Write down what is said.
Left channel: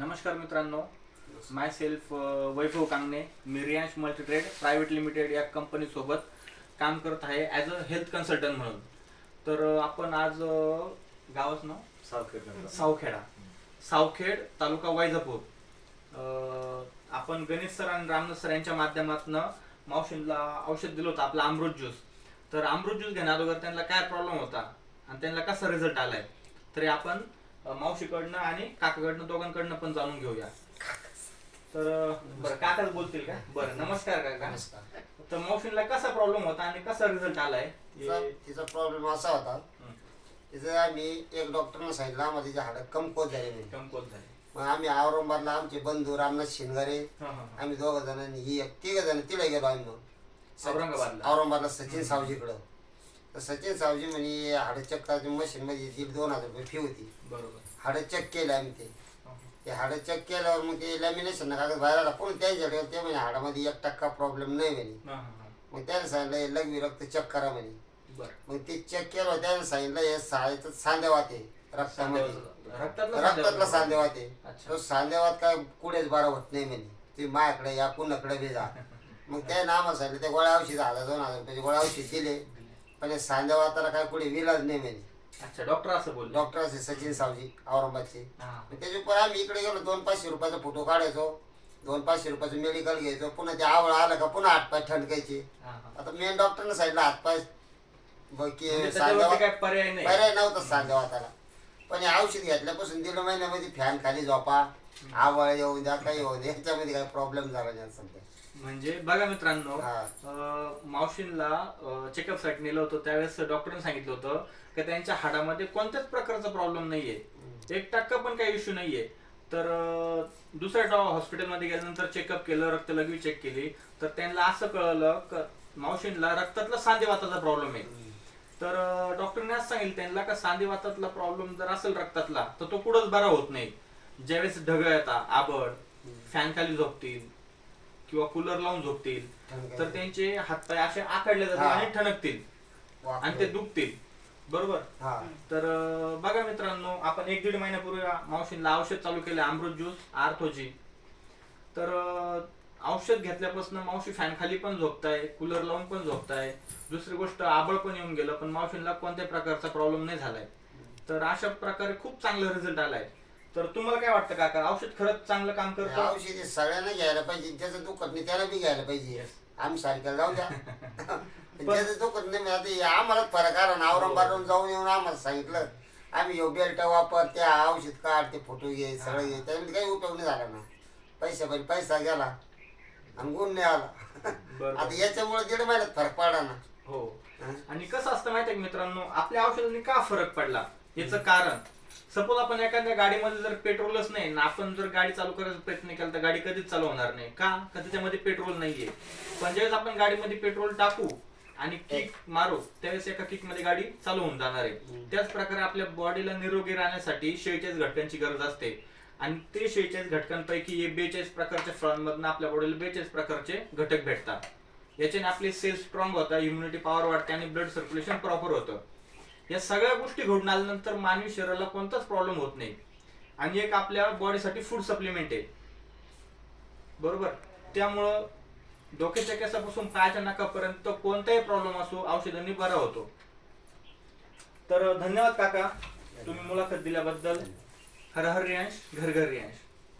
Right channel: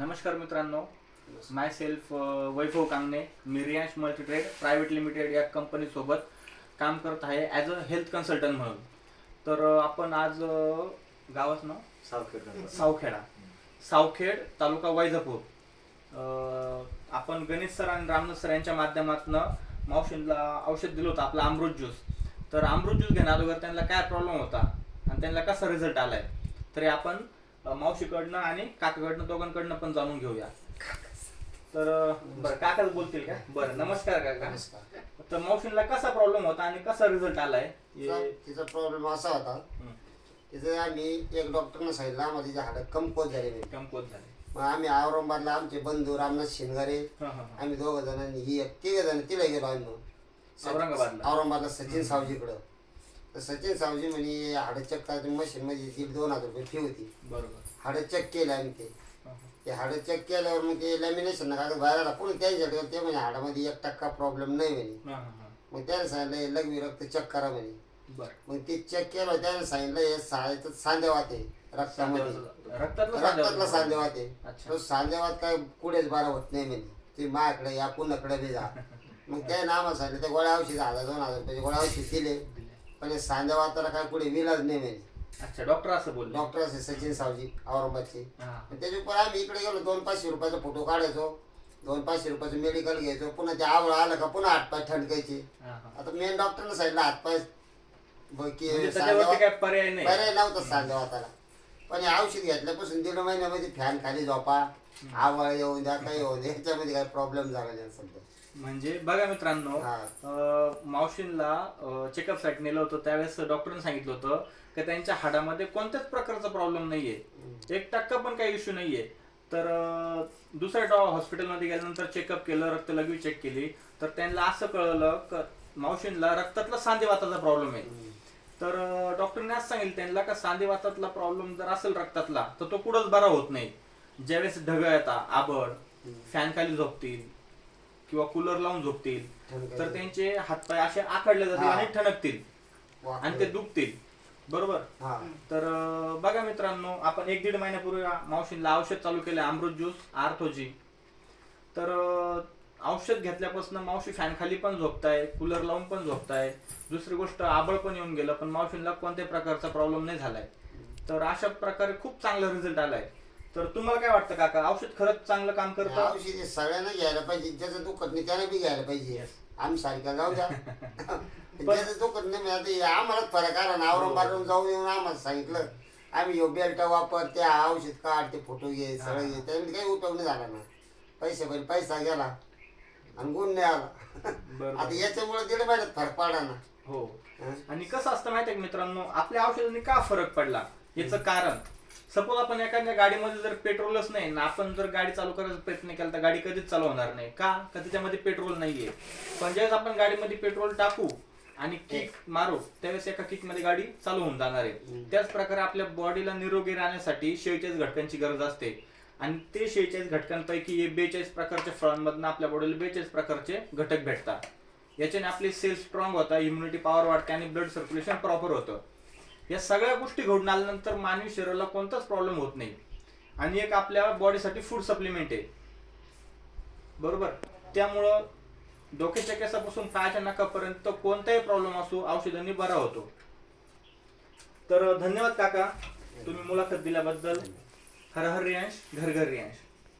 नमस्कार मित्रांनो, माय सेल्फ वैभव कांगणे. मी Riyansh multitrade private limited या कंपनीसोबत काम करत आहे ॲज अ हेल्थ कन्सल्टंट म्हणून. तर आपण आज गावाचं नाव सावखेड तालुका वैजापूर, आपण गणेश सर आणि रामदास सर यांच्या माध्यमातून मावशींना औषध दिलं होतं, आपला अमृत ज्यूस. तर अमृत ज्यूस घेण्याअगोदर त्यांना काय प्रॉब्लेम होता आणि त्यांना कसा रिझल्ट आलाय तरी आपण मावशीकडनं आणि काकाकडनं दोघांकडनं पण जाणून घेऊया. तर बरं, काकाच बोलतील का? बरं, नमस्कार काका. नमस्कार. तर मावशींना कसा प्रॉब्लेम होता आणि कसा रिझल्ट आलाय? तिचा प्रॉब्लेम असा होता, तिचं आम्ही एक डॉक्टरने सांगितलं आम्हाला तिचे हाडं कमकुवत झाले. मग आम्ही औरंगाबादला आमचे बंधू रामनाथ शिंगारे, आम्ही दोघं जणांनी ही तिघ जण तिला गेलो आम्ही औरंगाबादला सचिन सावजीकडं. तर सचिन सावजी म्हणे हाडं चेक करायची मशीन मध्ये 1,500-2,000 रुपये फी होती. बरोबर. हाडं चेक केलं आम्ही. ते हाडं चेक केल्यावर मग ते लॅमिनेशन कागद बाहेर आला. पुढे त्यांच्याकडे ते म्हणे हाडामध्ये 1% प्रॉब्लेम नाही म्हणे. मग त्याने सांगितलं लघवी रक्त चेक करा म्हणे. मग ते चेक केलं, त्याने सांगितलं हे सांधेवात आहे रक्तामध्ये, रक्तातला सांधेवात आहे. तो सांधेवात काय कुठेच बरा होत नाही म्हणे, तुम्ही माझ्याकडे या कुणाकडे बी जा. मग त्याने आम्हाला सांगितलं ते गोळ्या औषध 1,000-2,000 रुपयाचे गोळ्या औषध दिले, पण सांधेवाताला काय पुढे विलाज नाही म्हणे. अच्छा, डॉक्टर असं बोलले? डॉक्टर असे सचिन सावजी औरंगाबादचे. त्याच्यावर आम्ही इकडे गेलो, 200-500 रुपयाचा फोटो काढायचो, 200-500 रुपयाचं मेडिकल घ्यायचो. पुन्हा ते आवड आलं का पुन्हा हातपाय ठणकायचे. आता मेन डॉक्टरने सांगितलं हातपाय पर्याय नव्हता सांधेवाताला. पण हे औषध घेतल्यापासून 1.5 महिन्यामध्ये फॅन खाली झोपा, आवळ येऊ द्या, काही येऊ द्या, ह्याच्यामध्ये काही प्रॉब्लेम झाला नाही सध्या. म्हणजे बघा मित्रांनो, मावशींना चेकअप साठी नेलं होतं, त्यावेळेस डॉक्टरने सांगितलं होतं की त्यांच्या हाडामध्ये कोणत्याच प्रकारचा प्रॉब्लेम नाहीये, 1% पण काही इश्यू नाहीये. तर दुसऱ्या हॉस्पिटलमध्ये गेल्यानंतर चेकअप केलं, रक्त लघवी चेक केली, तर त्यांना असं कळलं की मावशींना रक्तातला सांधेवाताचा प्रॉब्लेम आहे. तर डॉक्टरने असं सांगितलं त्यांना का सांधेवातातला प्रॉब्लेम जर असेल रक्तातला तर तो कुठंच बरा होत नाही. ज्यावेळेस ढग येतात, आबड, फॅन खाली झोपतील किंवा कूलर लावून झोपतील तर त्यांचे हातपाय असे आखडले जातील आणि ठणकतील आणि ते दुखतील. बरोबर. तर बघा मित्रांनो, आपण 1-1.5 महिन्यापूर्वी मावशींना औषध चालू केले अमृत ज्यूस आर्थोजी. तर औषध घेतल्यापासून मावशी फॅन खाली पण झोपताय, कूलर लावून पण झोपताय. दुसरी गोष्ट, आबळ पण येऊन गेलं पण मावशींना कोणत्याही प्रकारचा प्रॉब्लेम नाही झालाय. तर अशा प्रकारे खूप चांगला रिझल्ट आलाय. तर तुम्हाला काय वाटतं काका, औषध खरंच चांगलं काम करतं? औषध सगळ्यांना घ्यायला पाहिजे, ज्याचं दुखत नाही त्याला बी घ्यायला पाहिजे. आम्ही सारख्याला जाऊ द्या, ज्याचं दुखत नाही. आता आम्हाला फरक आला ना, औरंगाबाद जाऊन येऊन आम्हाला सांगितलं, आम्ही यो बेल्ट वापर, त्या औषध काढ, ते फोटो घे, सगळं घे, त्यामध्ये काही उपयोग नाही झाला ना. पैसा गेला आणि गुण नाही आला. आता याच्यामुळे 1.5 महिन्यात फरक पडला ना. हो. आणि कसं असतं माहितीये मित्रांनो, आपल्या औषधांनी का फरक पडला याचं कारण, सपोज आपण एखाद्या गाडीमध्ये जर पेट्रोलच नाही ना, आपण जर गाडी चालू करायचा प्रयत्न केला तर गाडी कधीच चालू होणार नाही. का? त्याच्यामध्ये पेट्रोल नाहीये. पण ज्यावेळेस आपण गाडीमध्ये पेट्रोल टाकू आणि किक मारू त्यावेळेस एका किक मध्ये गाडी चालू होऊन जाणार आहे. त्याच प्रकारे आपल्या बॉडीला निरोगी राहण्यासाठी 46 घटकांची गरज असते आणि ते 46 घटकांपैकी 42 प्रकारच्या फळांमधून आपल्या बॉडीला 42 प्रकारचे घटक भेटतात. याच्याने आपली सेल स्ट्रॉंग होतात, इम्युनिटी पॉवर वाढते आणि ब्लड सर्क्युलेशन प्रॉपर होतं. या सगळ्या गोष्टी घडून आल्यानंतर मानवी शरीराला कोणताच प्रॉब्लेम होत नाही आणि एक आपल्या बॉडीसाठी फूड सप्लिमेंट आहे. बरोबर. त्यामुळं डोक्याच्या केसापासून पायाच्या नाकापर्यंत कोणताही प्रॉब्लेम असो औषधांनी बरा होतो. तर धन्यवाद काका, तुम्ही मुलाखत दिल्याबद्दल. हर हर रियांश, घर घर रियांश.